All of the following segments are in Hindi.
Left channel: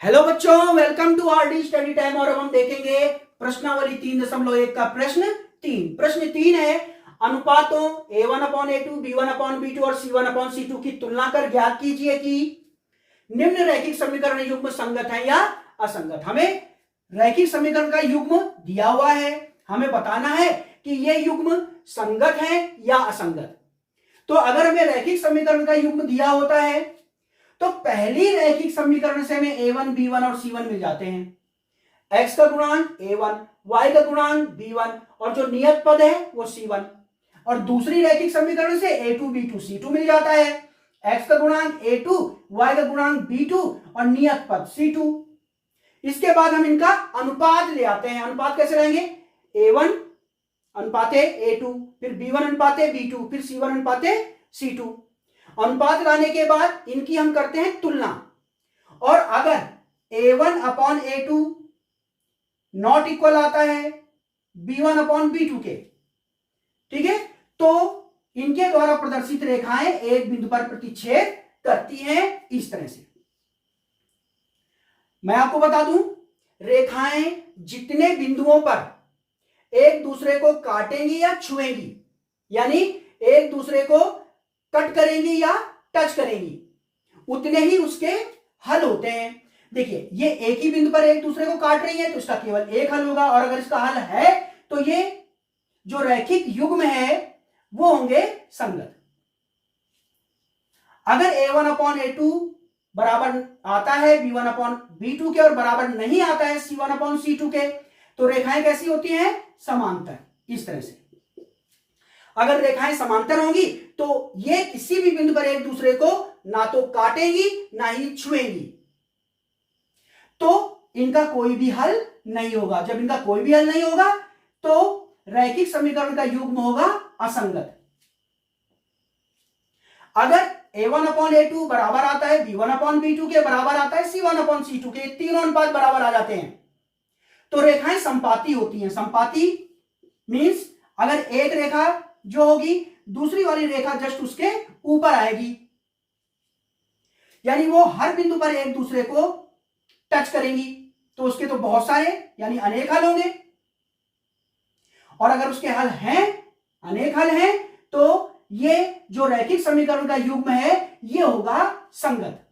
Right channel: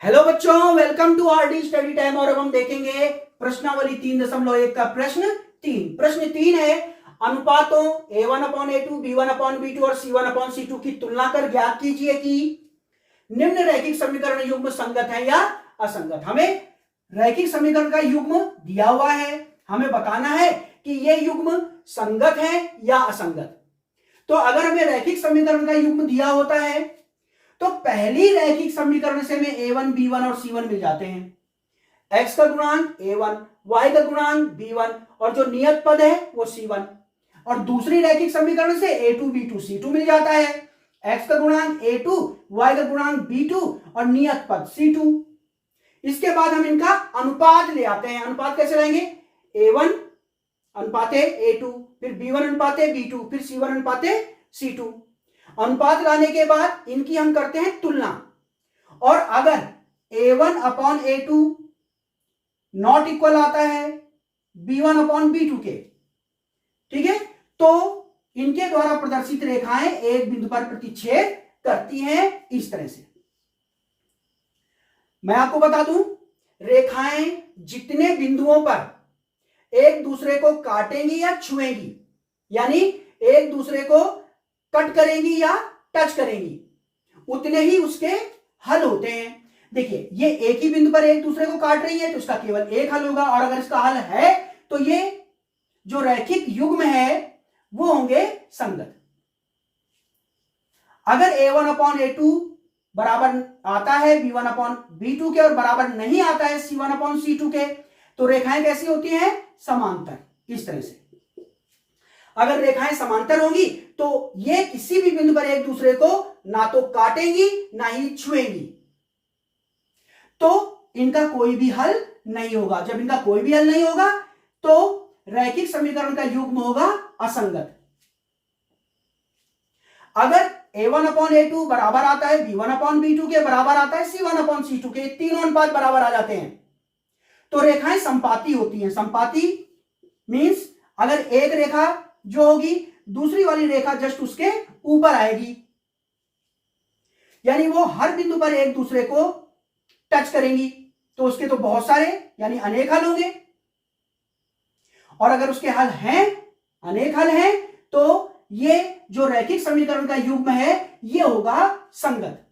हेलो बच्चों, welcome to RD study time. और अब हम देखेंगे प्रश्नावली 3.1 का प्रश्न 3 है अनुपातों a1/a2, b1/b2 और c1/c2 की तुलना कर ज्ञात कीजिए कि निम्न रैखिक समीकरण युग्म संगत है या असंगत। हमें रैखिक समीकरण का युग्म दिया हुआ है, हमें बताना है कि यह युग्म संगत है या असंगत। तो अगर हमें रैखिक समीकरण का युग्म दिया होता है तो पहली रैखिक समीकरण से हमें a1, b1 और c1 मिल जाते हैं। x का गुणांक a1, y का गुणांक b1 और जो नियत पद है वो c1। और दूसरी रैखिक समीकरण से a2, b2, c2 मिल जाता है। x का गुणांक a2, y का गुणांक b2 और नियत पद c2। इसके बाद हम इनका अनुपात ले आते हैं। अनुपात कैसे लेंगे? a1 अनुपाते a2, फिर b1 अनुपाते b2, फिर c1 अनुपाते c2। अनुपात लाने के बाद इनकी हम करते हैं तुलना। और अगर a1/a2 नॉट इक्वल आता है b1/b2 के, ठीक है, तो इनके द्वारा प्रदर्शित रेखाएं एक बिंदु पर प्रतिच्छेद करती हैं इस तरह से। मैं आपको बता दूं, रेखाएं जितने बिंदुओं पर एक दूसरे को काटेंगी या छुएंगी, यानी एक दूसरे को कट करेंगी या टच करेंगी, उतने ही उसके हल होते हैं। देखिए, ये एक ही बिंदु पर एक दूसरे को काट रही है तो इसका केवल एक हल होगा, और अगर इसका हल है तो ये जो रैखिक युग्म है वो होंगे संगत। अगर a1/a2 बराबर आता है b1/b2 के और बराबर नहीं आता है c1/c2 के, तो रेखाएं कैसी होती हैं? समांतर, इस तरह से। अगर रेखाएं समांतर होंगी तो ये किसी भी बिंदु पर एक दूसरे को ना तो काटेंगी ना ही छुएंगी, तो इनका कोई भी हल नहीं होगा। जब इनका कोई भी हल नहीं होगा तो रैखिक समीकरण का युग्म होगा असंगत। अगर a1/a2 बराबर आता है b1/b2 के, बराबर आता है c1/c2 के, तीनों अनुपात बराबर आ जाते हैं, तो रेखाएं संपाती होती हैं। संपाती मींस अगर एक रेखा जो होगी दूसरी वाली रेखा जस्ट उसके ऊपर आएगी, यानी वो हर बिंदु पर एक दूसरे को टच करेंगी, तो उसके तो बहुत सारे यानी अनेक हल होंगे। और अगर उसके हल हैं, अनेक हल हैं, तो ये जो रैखिक समीकरण का युग्म है ये होगा संगत।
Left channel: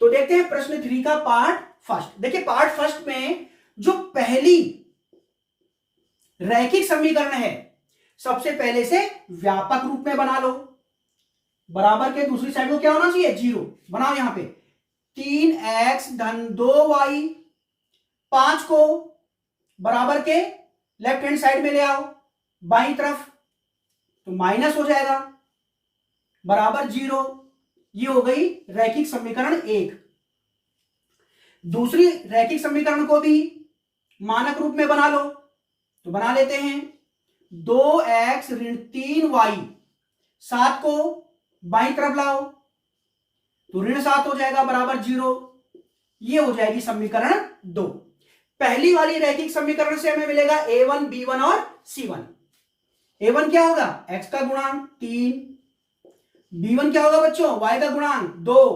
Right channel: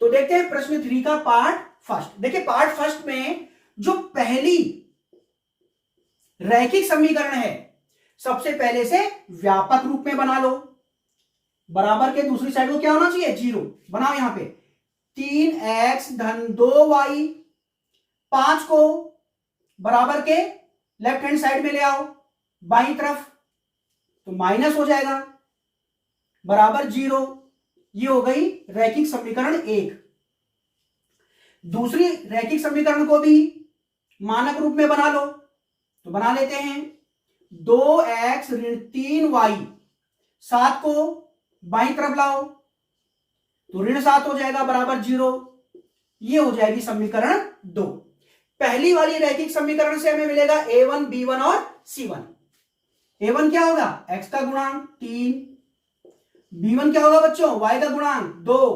तो देखते हैं प्रश्न 3 का पार्ट फर्स्ट। देखिए, पार्ट फर्स्ट में जो पहली रैखिक समीकरण है सबसे पहले से व्यापक रूप में बना लो। बराबर के दूसरी साइड को क्या होना चाहिए? 0 बनाओ। यहां पे 3x धन 2y, 5 को बराबर के लेफ्ट हैंड साइड में ले आओ बाई तरफ, तो माइनस हो जाएगा, बराबर 0। ये हो गई रैखिक समीकरण 1। दूसरी रैखिक समीकरण को भी मानक रूप में बना लो, तो बना लेते हैं। 2x ऋण 3y, 7 को बाई तरफ लाओ तो ऋण 7 हो जाएगा, बराबर 0। ये हो जाएगी समीकरण 2। पहली वाली रैखिक समीकरण से हमें मिलेगा a1, b1 और c1। a1 क्या होगा? x का गुणांक 3, b1 क्या होगा बच्चों? y का गुणांक 2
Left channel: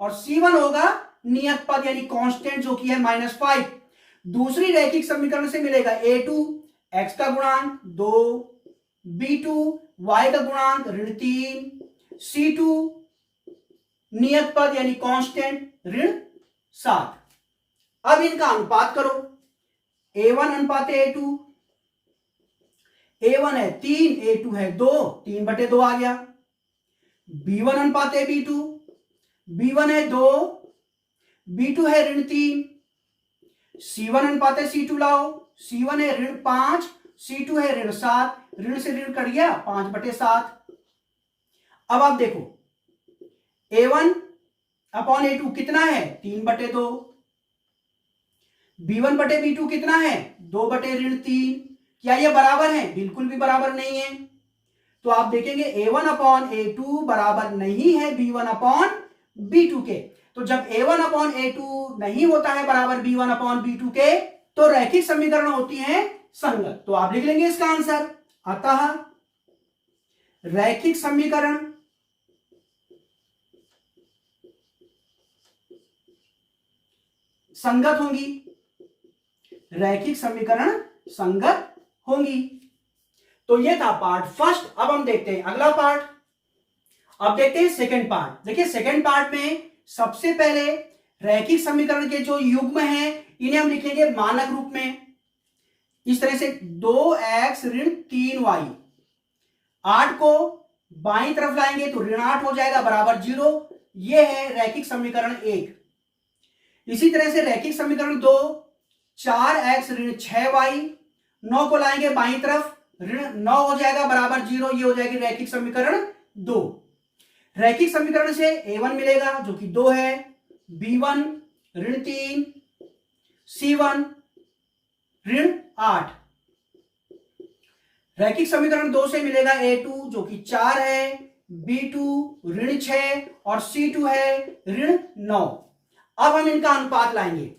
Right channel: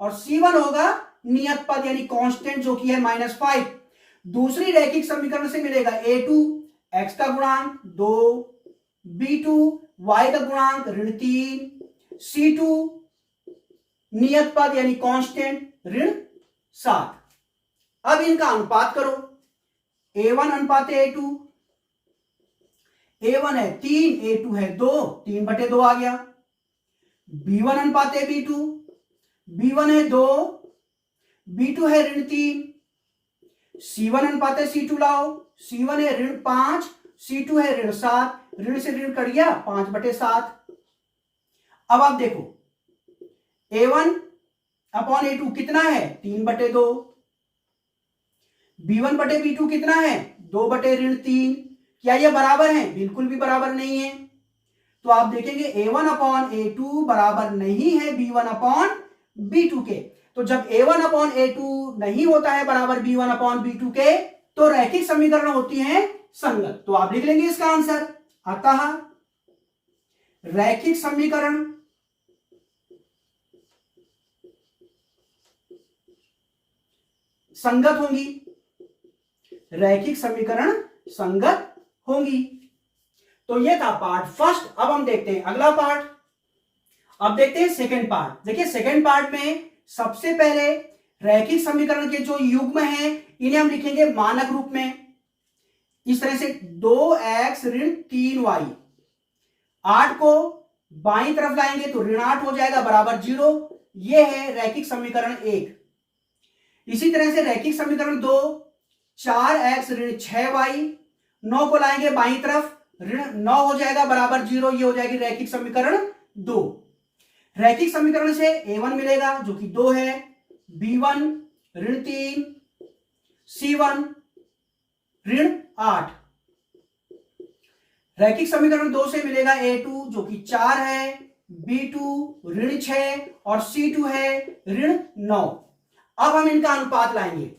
और c1 होगा नियत पद यानी कांस्टेंट जो कि है -5। दूसरी रैखिक समीकरण से मिलेगा a2, x का गुणांक 2, b2 y का गुणांक ऋण 3, c2 नियत पद यानी कांस्टेंट ऋण 7। अब इनका अनुपात करो। a1 अनुपात a2, a1 है 3, a2 है 2, 3/2 आ गया। b1 अनुपात b2, b1 है 2, b2 है ऋण 3, c1 अनुपात c2 लाओ, c1 है ऋण 5, c2 है ऋण 7, ऋण से ऋण कट गया 5/7। अब आप देखो a1/a2 कितना है? 3/2। b1/b2 कितना है? 2/3। क्या ये बराबर है? बिल्कुल भी बराबर नहीं है। तो आप देखेंगे a1/a2 बराबर नहीं है b1/b2 के। तो जब a1/a2 नहीं होता है बराबर b1/b2 के, तो रैखिक समीकरण होती है संगत। तो आप लिख लेंगे इसका आंसर। अतः रैखिक समीकरण संगत होंगी, रैखिक समीकरण संगत होंगी। तो ये था पार्ट फर्स्ट। अब हम देखते हैं अगला पार्ट। अब देखते हैं सेकंड पार्ट। देखिए सेकंड पार्ट में सबसे पहले रैखिक समीकरण के जो युग्म हैं इन्हें हम लिखेंगे मानक रूप में। इस तरह से 2x ऋण 3y, 8 को बाईं तरफ लाएंगे तो ऋण 8 हो जाएगा बराबर 0। यह है रैखिक समीकरण 1। इसी तरह से रैखिक समीकरण 2, 4x ऋण 6y, 9 को लाएंगे बाईं तरफ, ऋण 9 हो जाएगा बराबर 0। ये हो जाएगी रैखिक समीकरण 2। रैखिक समीकरण से a1 मिलेगा जो कि 2 है, b1 ऋण 3, c1 ऋण 8। रैखिक समीकरण 2 से मिलेगा a2 जो कि 4 है, b2 ऋण 6 और c2 है ऋण 9। अब हम इनका अनुपात लाएंगे,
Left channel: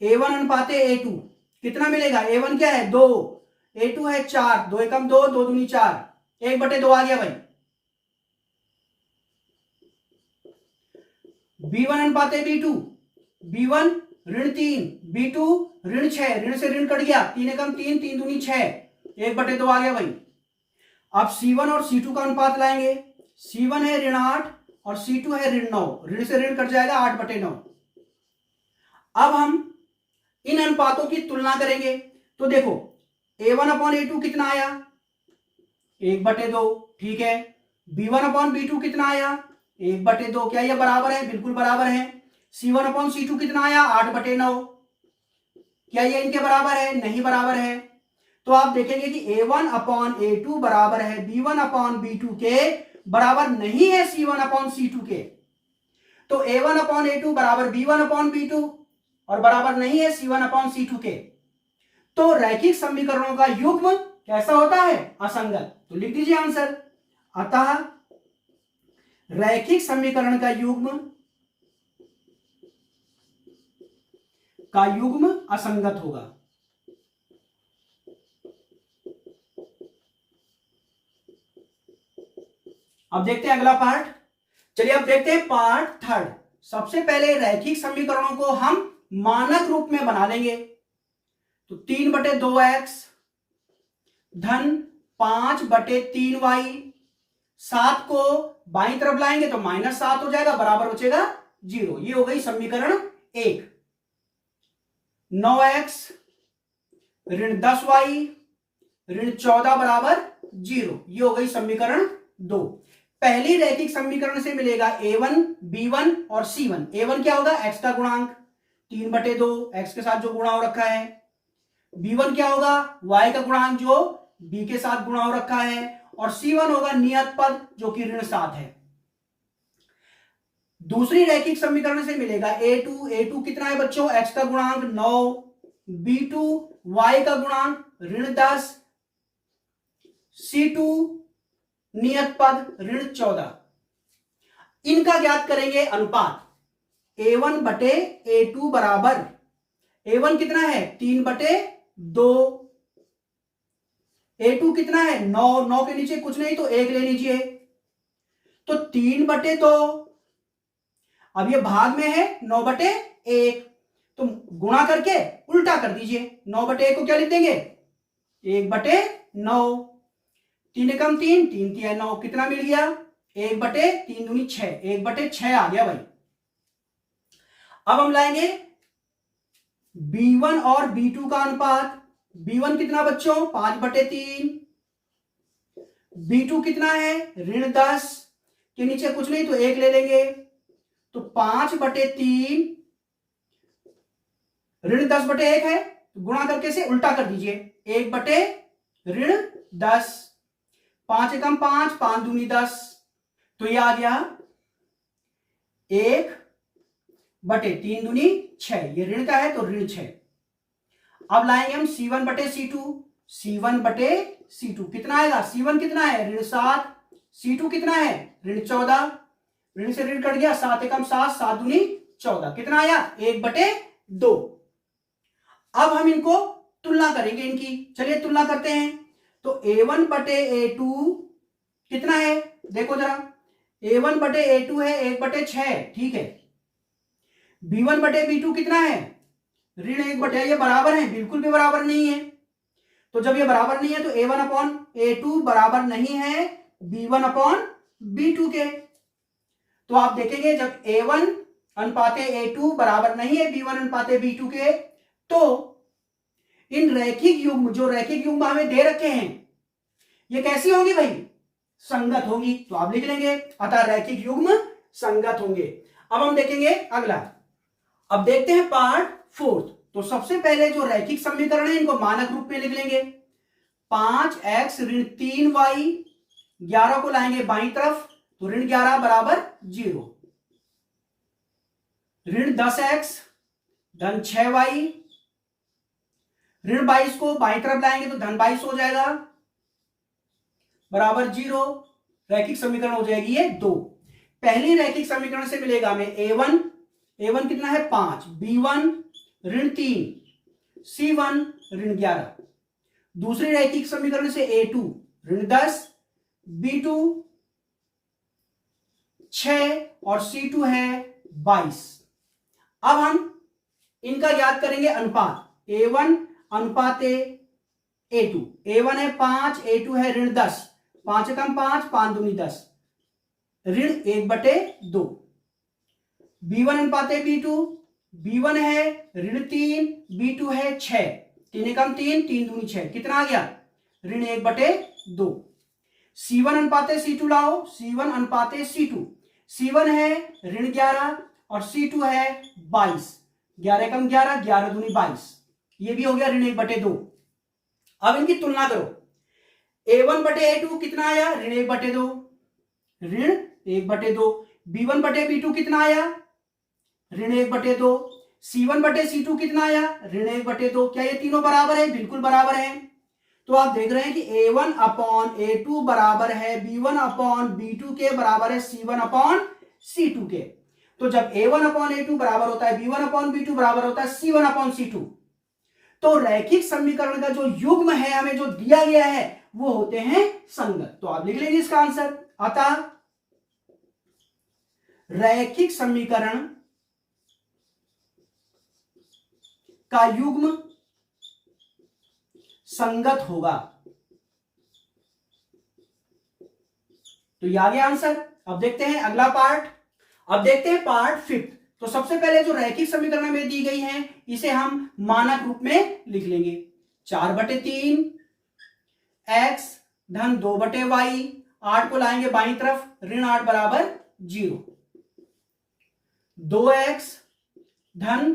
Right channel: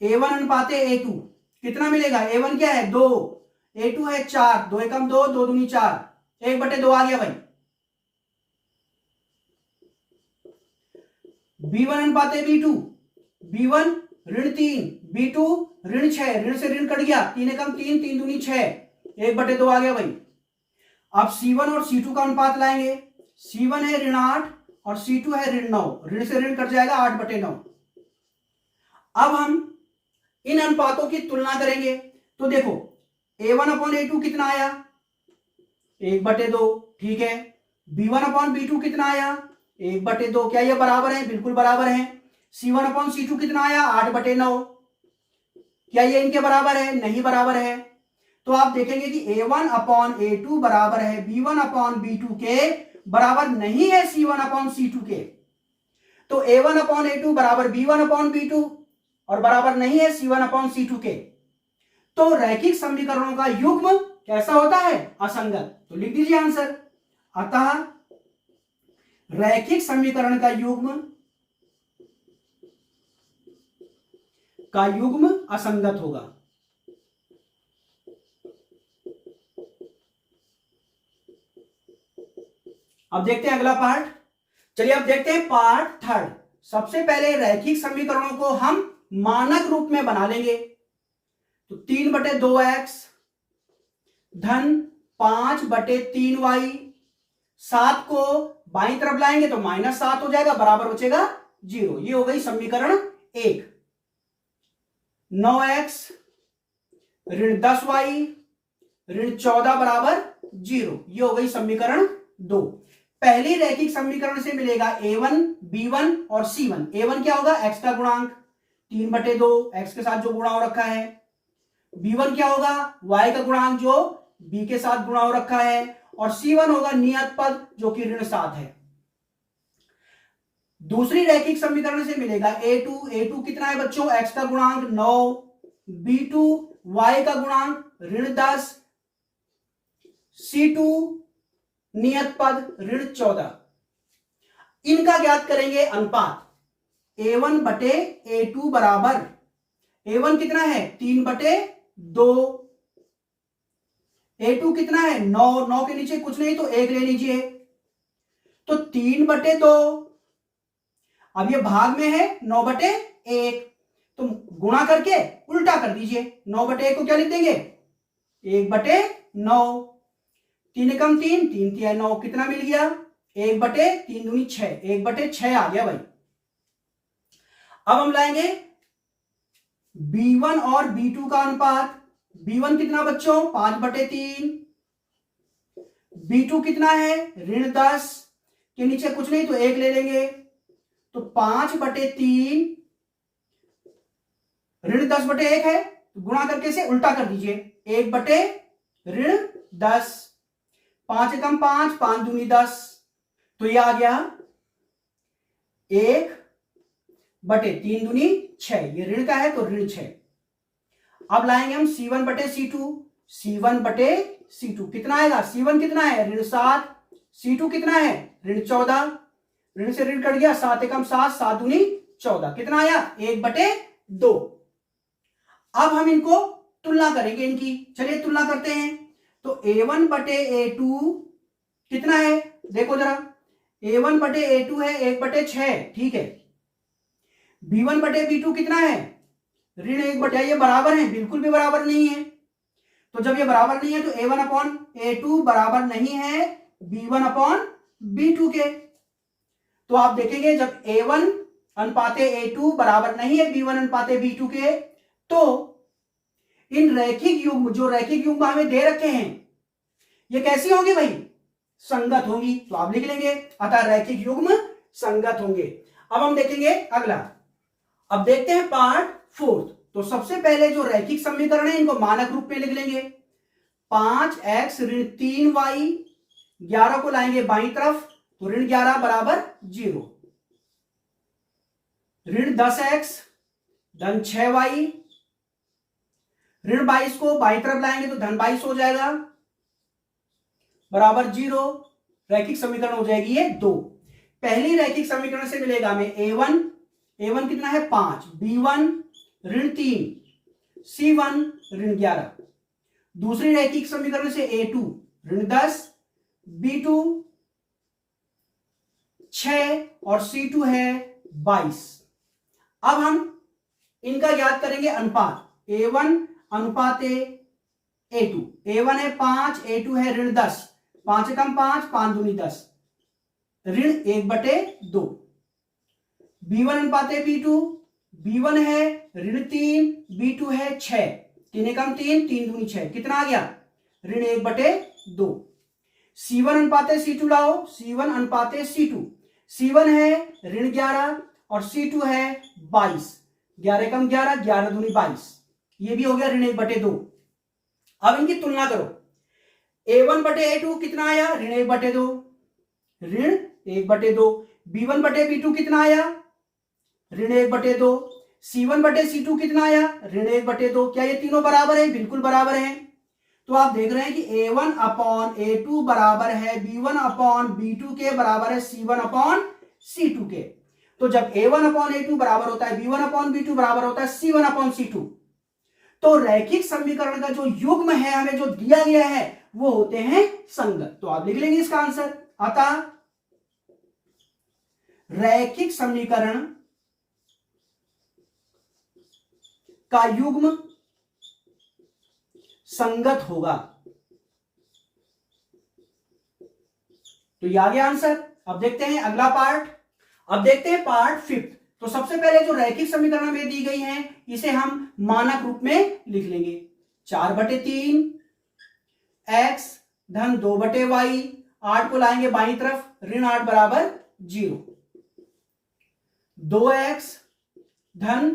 a1 अनुपात a2 कितना मिलेगा? a1 क्या है? 2, a2 है 4, 2 एकम 2, 2 दूनी 4, 1/2 आ गया भाई। b1 अनुपात b2, b1 ऋण 3, b2 ऋण 6, ऋण से ऋण कट गया, 3 एकम 3, 3 दूनी 6, 1/2 आ गया भाई। अब c1 और c2 का अनुपात लाएंगे, c1 है ऋण 8 और c2 है ऋण 9, ऋण से ऋण कट जाएगा 8/9। अब हम इन अनुपातों की तुलना करेंगे तो देखो a1/a2 कितना आया? 1/2, ठीक है। b1/b2 कितना आया? 1/2। क्या ये बराबर है? बिल्कुल बराबर है। c1/c2 कितना आया? 8/9। क्या ये इनके बराबर है? नहीं बराबर है। तो आप देखेंगे कि a1/a2 बराबर है b1/b2 के, बराबर नहीं है c1/c2 के। तो a1/a2 बराबर b1/b2 और बराबर नहीं है c1/c2 के। तो रैखिक समीकरणों का युग्म कैसा होता है? असंगत। तो लिख दीजिए आंसर। अतः रैखिक समीकरण का युग्म असंगत होगा। अब देखते हैं अगला पार्ट। चलिए अब देखते हैं पार्ट थर्ड। सबसे पहले रैखिक समीकरणों को हम मानक रूप में बना लेंगे। तो 3/2x धन 5/3y, 7 को बाईं तरफ लाएंगे तो -7 हो जाएगा बराबर बचेगा 0। ये हो गई समीकरण 1। 9x ऋण 10y ऋण 14 बराबर 0। ये हो गई समीकरण 2। पहली रैखिक समीकरण से मिलेगा a1, b1 और c1। a1 क्या होगा? x का गुणांक 3/2, x के साथ जो गुणा हो रखा है। b1 क्या होगा? y का गुणांक जो b के साथ गुणा हो रखा है। और c1 होगा नियत पद जो कि ऋण 7 है। दूसरी रैखिक समीकरण से मिलेगा a2 कितना है बच्चों? x का गुणांक 9, b2 y का गुणांक ऋण 10, c2 नियत पद ऋण 14। इनका ज्ञात करेंगे अनुपात। a1/a2 बराबर, a1 कितना है? 3/2, a2 कितना है? 9, 9 के नीचे कुछ नहीं तो 1 ले लीजिए, तो 3/2। अब ये भाग में है 9/1, तो गुणा करके उल्टा कर दीजिए। 9/1 को क्या लिख देंगे? 1/9। 3 एकम 3, 3 तिया 9, कितना मिल गया? 1/3 दूनी 6, 1/6 आ गया भाई। अब हम लाएंगे b1 और b2 का अनुपात। b1 कितना बच्चों? 5/3, b2 कितना है? ऋण 10 के नीचे कुछ नहीं तो 1 ले लेंगे, तो 5/3 ऋण 10/1 है, तो गुणा करके से उल्टा कर दीजिए, 1/10। 5 एकम 5, 5 दूनी 10, तो ये आ गया 1/3 दूनी 6। ये ऋण का है तो ऋण 6। अब लाएंगे हम c1/c2। c1/c2 कितना आएगा? c1 कितना है? ऋण 7, c2 कितना है? ऋण 14, ऋण से ऋण कट गया, 7 एकम 7, 7 दूनी 14, कितना आया? 1/2। अब हम इनको तुलना करेंगे इनकी। चलिए तुलना करते हैं। तो a1/a2 कितना है? देखो जरा, a1/a2 है 1/6, ठीक है। B1 बटे B2 कितना है, ऋण 1 बटे, ये बराबर है, बिल्कुल भी बराबर नहीं है। तो जब ये बराबर नहीं है तो A1 अपॉन A2 बराबर नहीं है B1 अपॉन B2 के। तो आप देखेंगे जब A1 अनुपाते A2 बराबर नहीं है B1 अनुपाते B2 के, तो इन रैखिक युग्म, जो रैखिक युग्म हमें दे रखे हैं, ये कैसी होंगी भाई, संगत होंगी। तो आप लिख लेंगे अतः रैखिक युग्म संगत होंगे। अब हम देखेंगे अगला। अब देखते हैं पार्ट 4। तो सबसे पहले जो रैखिक समीकरण है इनको मानक रूप में लिख लेंगे। 5x ऋण 3y, 11 को लाएंगे बाईं तरफ, तो ऋण 11 बराबर 0। ऋण 10x धन 6y, ऋण 22 को बाईं तरफ लाएंगे तो धन 22 हो जाएगा बराबर 0। रैखिक समीकरण हो जाएगी ये 2। पहली रैखिक समीकरण से मिलेगा हमें A1 कितना है 5, B1 ऋण 3, C1 ऋण 11। दूसरी रैखिक समीकरण से A2 ऋण 10, B2 6 और C2 है 22। अब हम इनका ज्ञात करेंगे अनुपात। A1 अनुपात A2, A1 है 5, A2 है ऋण 10, 5 कम 5, 5 दूनी 10, ऋण 1 बटे 2। B1 अनुपात B2, B1 है ऋण 3, B2 है 6, 3 कम 3, 3 दूनी 6, कितना आ गया, ऋण 1 बटे 2। C1 अनुपात C2 लाओ, C1 अनुपात C2, C1 है ऋण 11 और C2 है 22, 11 कम 11, 11 दूनी 22, ये भी हो गया ऋण 1 बटे 2। अब इनकी तुलना करो। A1 बटे A2 कितना आया, ऋण 1 बटे 2, ऋण 1 बटे 2। B1 बटे B2 कितना आया, ऋण 1 बटे 2। C1 बटे C2 कितना आया, ऋण 1 बटे 2। क्या ये तीनों बराबर है, बिल्कुल बराबर है। तो आप देख रहे हैं कि A1 अपॉन A2 बराबर है B1 अपॉन B2 के, बराबर है C1 अपॉन C2 के। तो जब A1 अपॉन A2 बराबर होता है B1 अपॉन B2 बराबर होता है C1 अपॉन C2, तो रैखिक समीकरण का जो युग्म है हमें जो दिया गया है वो होते हैं संगत। तो आप लिख लेंगे इसका आंसर। अतः रैखिक समीकरण का युग्म संगत होगा। तो ये आ गया आंसर। अब देखते हैं अगला पार्ट। अब देखते हैं पार्ट 5। तो सबसे पहले जो रैखिक समीकरण में दी गई है इसे हम मानक रूप में लिख लेंगे। 4 बटे 3 x धन 2 बटे y, 8 को लाएंगे बाईं तरफ, ऋण 8 बराबर 0। 2x धन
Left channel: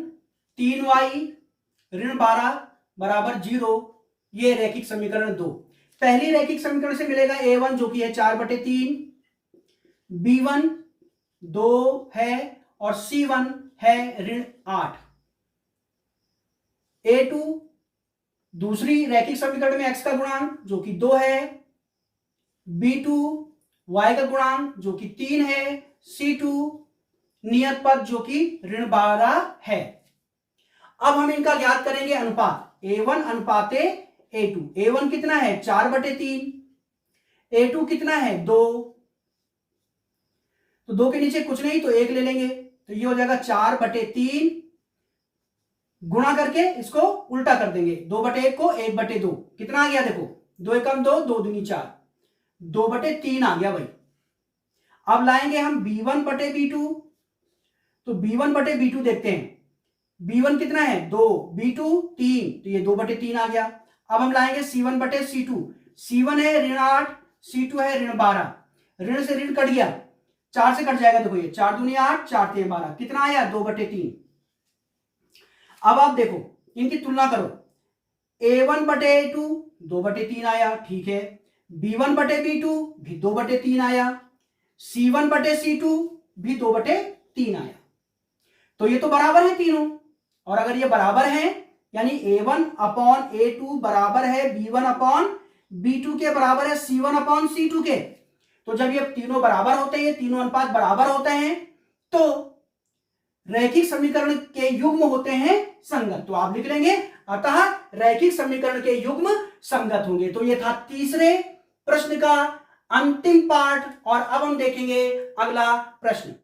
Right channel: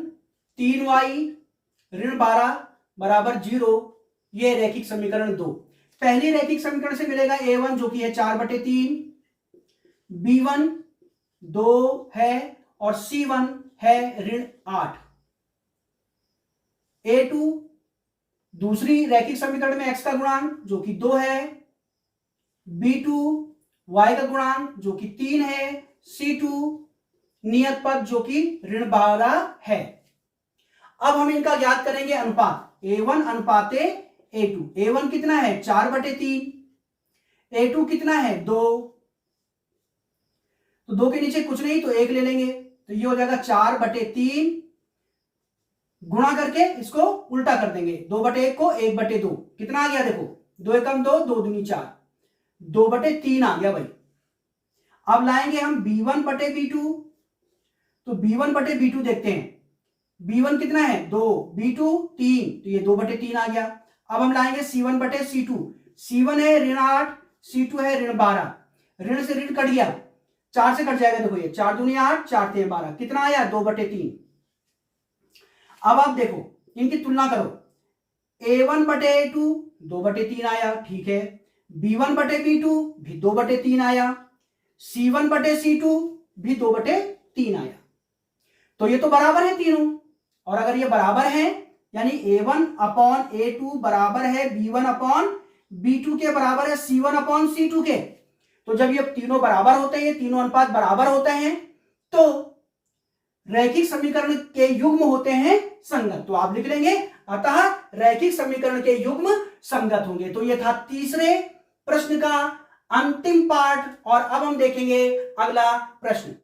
3y ऋण 12 बराबर 0। ये रैखिक समीकरण 2। पहली रैखिक समीकरण से मिलेगा A1 जो कि है 4 बटे 3, B1 2 है और C1 है ऋण 8। A2 दूसरी रैखिक समीकरण में x का गुणांक जो कि 2 है, B2 y का गुणांक जो कि 3 है, C2 नियत पद जो कि ऋण 12 है। अब हम इनका ज्ञात करेंगे अनुपात। A1 अनुपाते A2। A1 कितना है 4 बटे 3, A2 कितना है 2, तो 2 के नीचे कुछ नहीं तो 1 ले लेंगे, तो ये हो जाएगा 4 बटे 3, गुणा करके इसको उल्टा कर देंगे, 2 बटे 1 को 1 बटे 2, कितना आ गया देखो, 2 एकम 2, 2 दूनी 4, 2 बटे 3 आ गया भाई। अब लाएंगे हम B1 बटे B2, तो B1 बटे B2 देखते हैं। B1 कितना है 2, B2 3, तो ये 2 बटे 3 आ गया। अब हम लाएंगे C1 बटे C2। C1 है ऋण 8, C2 है ऋण 12, ऋण से ऋण कट गया, 4 से कट जाएगा, देखो ये 4 दूनी 8, 4 3 12, कितना आया 2 बटे 3। अब आप देखो इनकी तुलना करो। A1 बटे A2 2 बटे 3 आया, ठीक है। B1 बटे B2 भी 2 बटे 3 आया, C1 बटे C2 भी 2 बटे 3 आया। तो ये तो बराबर है तीनों, और अगर ये बराबर है यानी A1 अपॉन A2 बराबर है B1 अपॉन B2 के, बराबर है C1 अपॉन C2 के। तो जब ये तीनों बराबर होते हैं, तीनों अनुपात बराबर होते हैं, तो रैखिक समीकरण के युग्म होते हैं संगत। तो आप लिख लेंगे अतः रैखिक समीकरण के युग्म संगत होंगे। तो ये था तीसरे प्रश्न का अंतिम पार्ट, और अब हम देखेंगे अगला प्रश्न।